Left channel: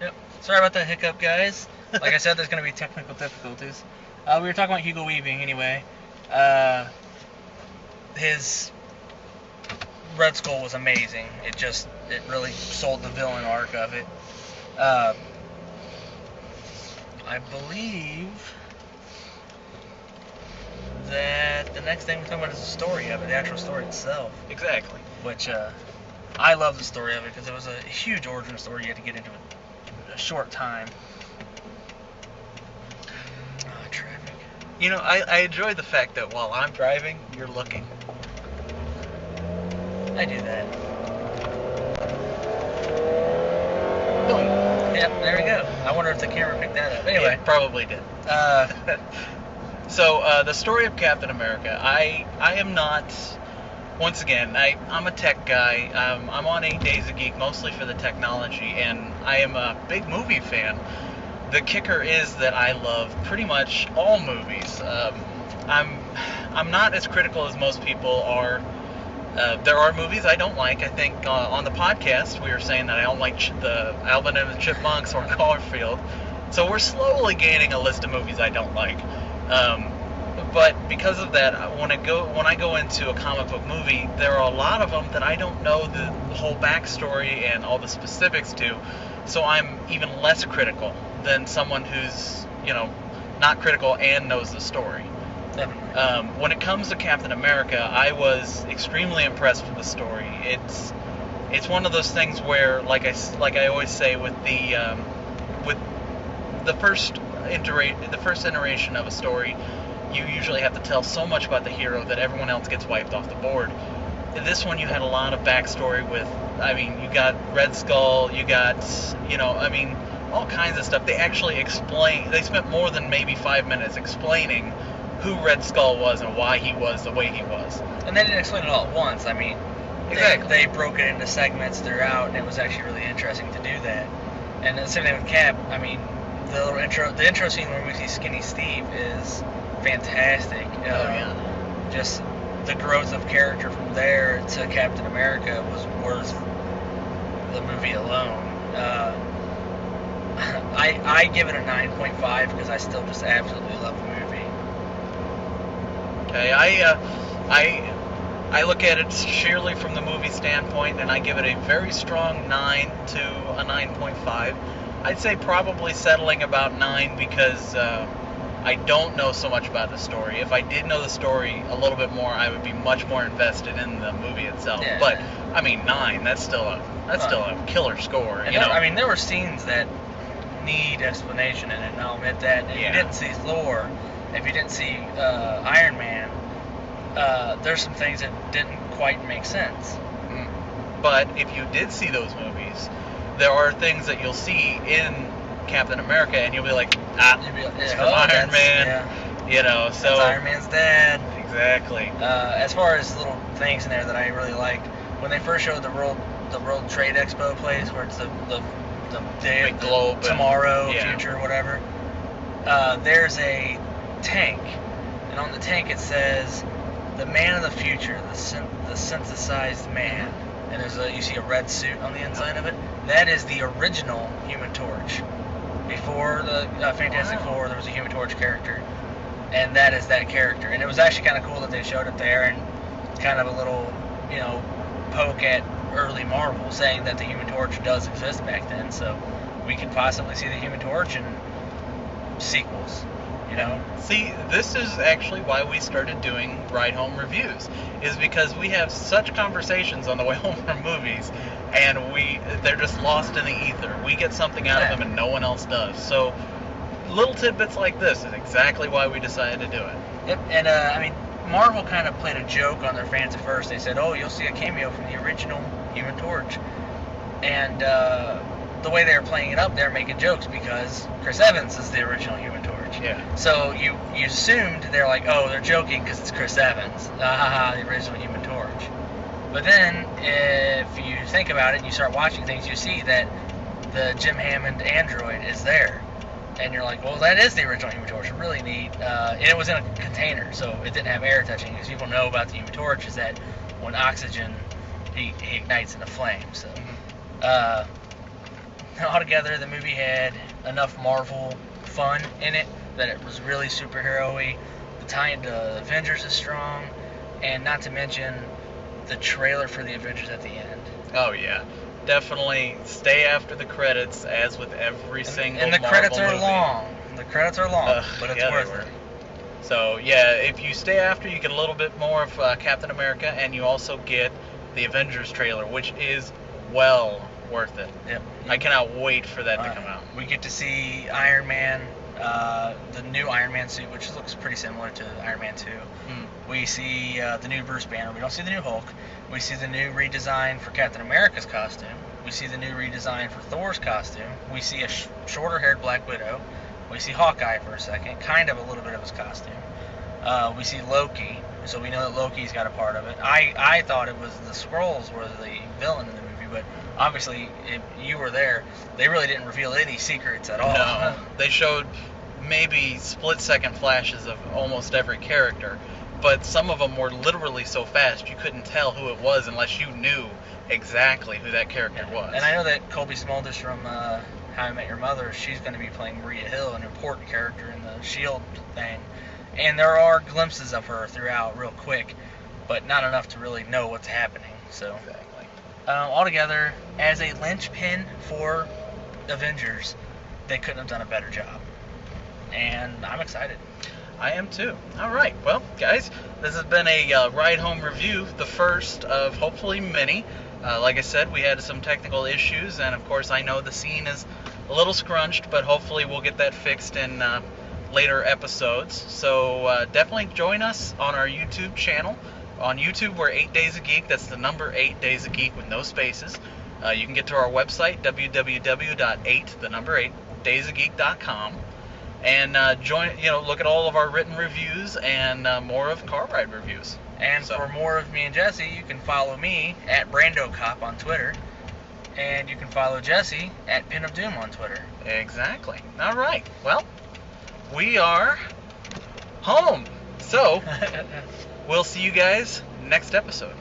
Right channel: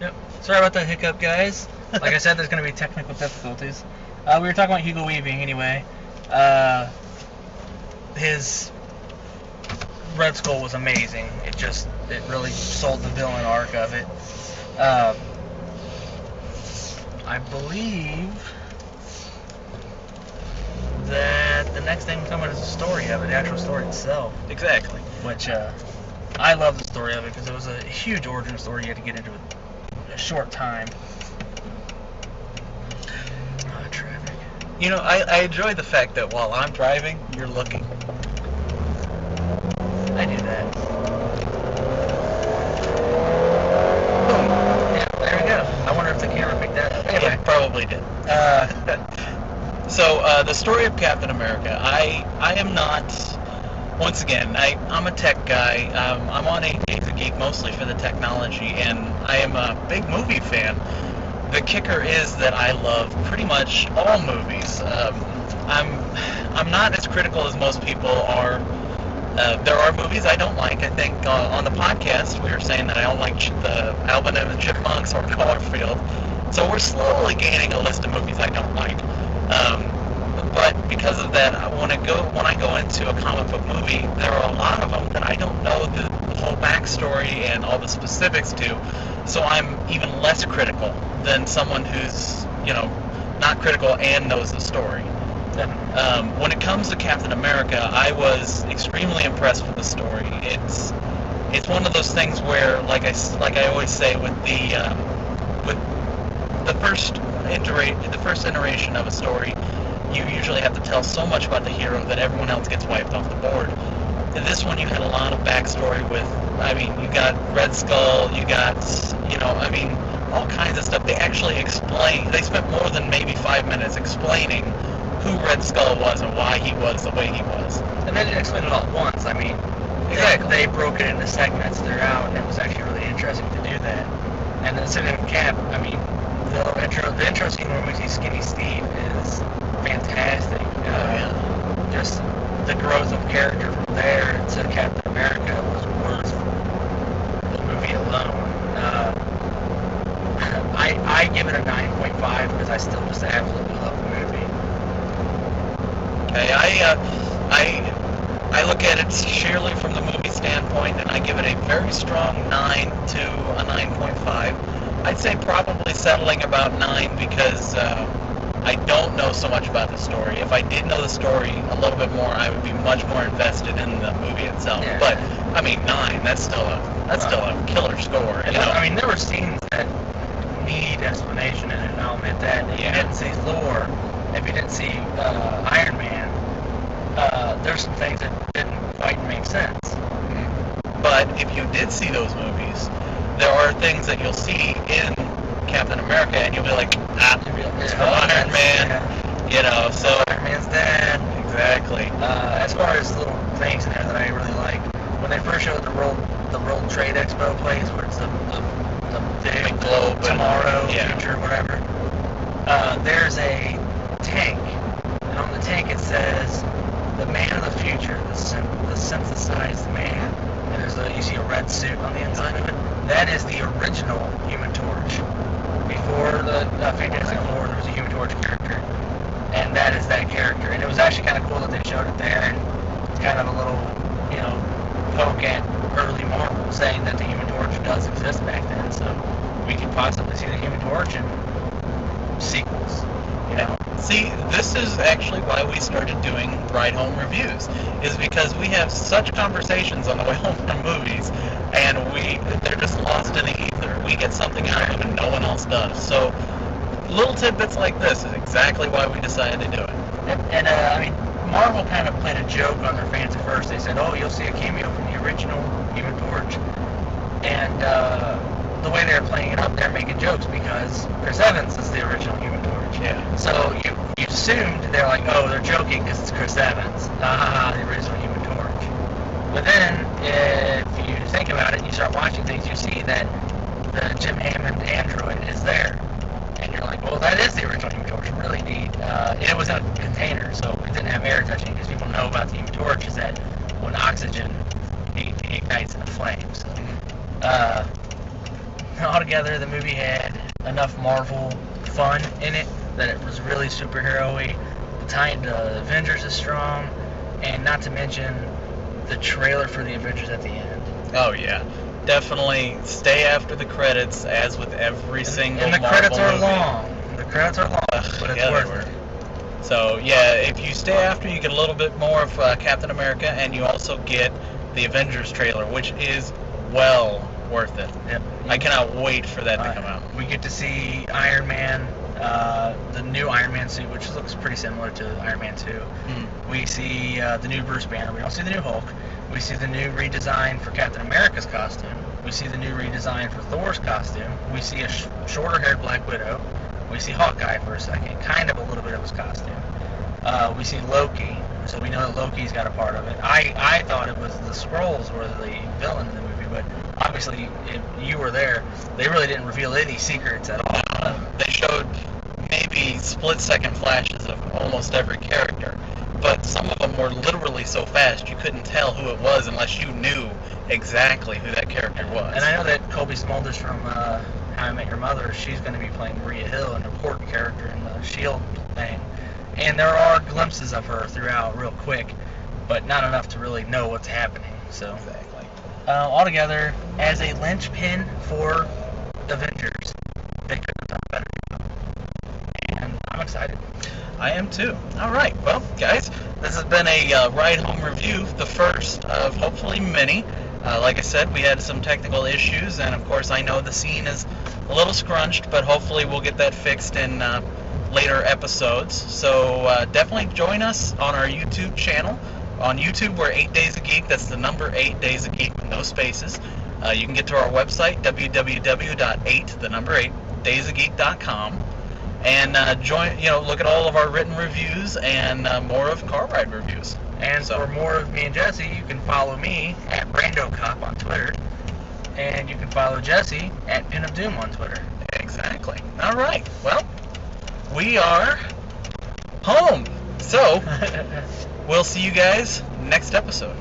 Yep. Sorry about that hiccup, guys. Like I said, there's going to be technical difficulties. We were talking about Hugo Weaving anyway. Uh, his Red Skull was amazing. It really sold the villain arc of it. Uh, I believe that the next thing coming is the story of it, the actual story itself. Exactly. Which I love the story of it because it was a huge origin story. You had to get into it in a short time. Traffic. You know, I enjoy the fact that while I'm driving, you're looking. I do that. Boom. Yeah, there we go. I wonder if the camera picked that up. Anyway. It probably did. So, the story of Captain America. I am not... Once again, I'm a tech guy. I'm on 8 Days a Geek mostly for the technology, and I am a big movie fan. The kicker is that I love pretty much all movies. I'm not as critical as most people are. There are movies I don't like. I think on the podcast we were saying that I don't like the Alvin and the Chipmunks or Garfield. So we're slowly gaining a list of movies I don't like. But because of that, when I go into a comic book movie, there are a lot of them that I don't know the whole backstory and all the specifics to. So I'm even less critical than someone who's, not critical and knows the story. Definitely. When it comes to Captain America, I was extremely impressed with the story. It's one of those things where, like I always say, with the first iteration of a story, you usually have to tell so much about the hero that everyone else gets wiped off the board. In this one, you had a lot of backstory with, you got Red Skull, you got, all kinds of stuff. They actually they spent more than maybe 5 minutes explaining who Red Skull was and why he was the way he was. And they didn't explain it all at once. Exactly. They broke it into segments throughout, and it was actually really interesting to do that. And then sitting in Cap, the little intro scene where we see Skinny Steve is fantastic. Just the growth of character from there to Captain America was worth the movie alone. I give it a 9.5 because I still just absolutely love the movie. Okay, I look at it sheerly from the movie standpoint, and I give it a very strong 9 to a 9.5. I'd say probably settling about 9 because I don't know so much about the story. If I did know the story a little bit more, I would be much more invested in the movie itself. Yeah. But 9. That's still a killer score. And there were scenes that need explanation in it, and I'll admit that. If you didn't see Thor, if you didn't see Iron Man, there's some things that didn't quite make sense. But if you did see those movies, there are things that you'll see in Captain America, and you'll be like, it's from Iron Man. Yeah. So Iron Man's dad. Exactly. As far as little things in there that I really like, when they first showed the World Trade Expo place, where it's the day big globe, tomorrow, future, whatever. There's a tank, and on the tank it says, "The man of the future, the synthesized man." And you see a red suit on the inside of it. That is the original Human Torch. Before the Fantastic Four, there was a Human Torch character, and that is that character. And it was actually kind of cool that they showed it there, and kind of a little, poke at early Marvel, saying that the Human Torch does exist back then, so we could possibly see the Human Torch in sequels. See, this is actually why we started doing Ride Home reviews, is because we have such conversations on the way home from movies, and they're just lost in the ether. We get something out of them and no one else does. So little tidbits like this is exactly why we decided to do it. And Marvel kind of played a joke on their fans at first. They said, "Oh, you'll see a cameo from the original Human Torch," and the way they were playing it up, they're making jokes because Chris Evans is the original Human Torch. Yeah. So you assumed they're like, oh, they're joking because it's Chris Evans, the original Human Torch. But then, if you think about it, and you start watching things, you see that the Jim Hammond android is there, and you're like, well, that is the original Human Torch. Really neat. And it was in a container, so it didn't have air touching. Because people know about the Human Torch is that when oxygen he ignites in a flame. So. altogether, the movie had enough Marvel fun in it that it was really superhero-y. The tie into Avengers is strong, and not to mention the trailer for the Avengers at the end. Oh yeah, definitely stay after the credits, as with every single And the Marvel credits are movie. long. The credits are long, but it's yeah, worth they were. it. So yeah, if you stay after, you get a little bit more of Captain America, and you also get the Avengers trailer, which is well worth it. Yep. I cannot wait for that to come out. We get to see Iron Man, the new Iron Man suit, which looks pretty similar to Iron Man 2. We see the new Bruce Banner. We don't see the new Hulk. We see the new redesign for Captain America's costume. We see the new redesign for Thor's costume. We see a shorter-haired Black Widow. We see Hawkeye for a second, kind of a little bit of his costume. We see Loki, so we know that Loki's got a part of it. I thought it was the Skrulls were the villain in the movie, but obviously, if you were there, they really didn't reveal any secrets at all. No, they showed maybe split-second flashes of almost every character, but some of them were literally so fast you couldn't tell who it was unless you knew exactly who that character was. And I know that Colby Smulders from How I Met Your Mother, she's going to be playing Maria Hill, an important character in the S.H.I.E.L.D. thing. And there are glimpses of her throughout real quick, but not enough to really know what's happening. So, Exactly. Altogether, as a linchpin for Avengers, they couldn't have done a better job. And I'm excited. I am too. All right. Well, guys, this has been a ride home review, the first of hopefully many. Like I said, we had some technical issues, and of course, I know the scene is a little scrunched, but hopefully, we'll get that fixed in later episodes. So definitely join us on our YouTube channel. On YouTube, we're 8 Days a Geek. That's the number 8 Days a Geek with no spaces. You can get to our website, www.8daysofgeek.com. And look at all of our written reviews and more of car ride reviews. And for more of me and Jesse, you can follow me at BrandoCop on Twitter. And you can follow Jesse at Pin of Doom on Twitter. Exactly. All right. Well, we are home. So, we'll see you guys next episode.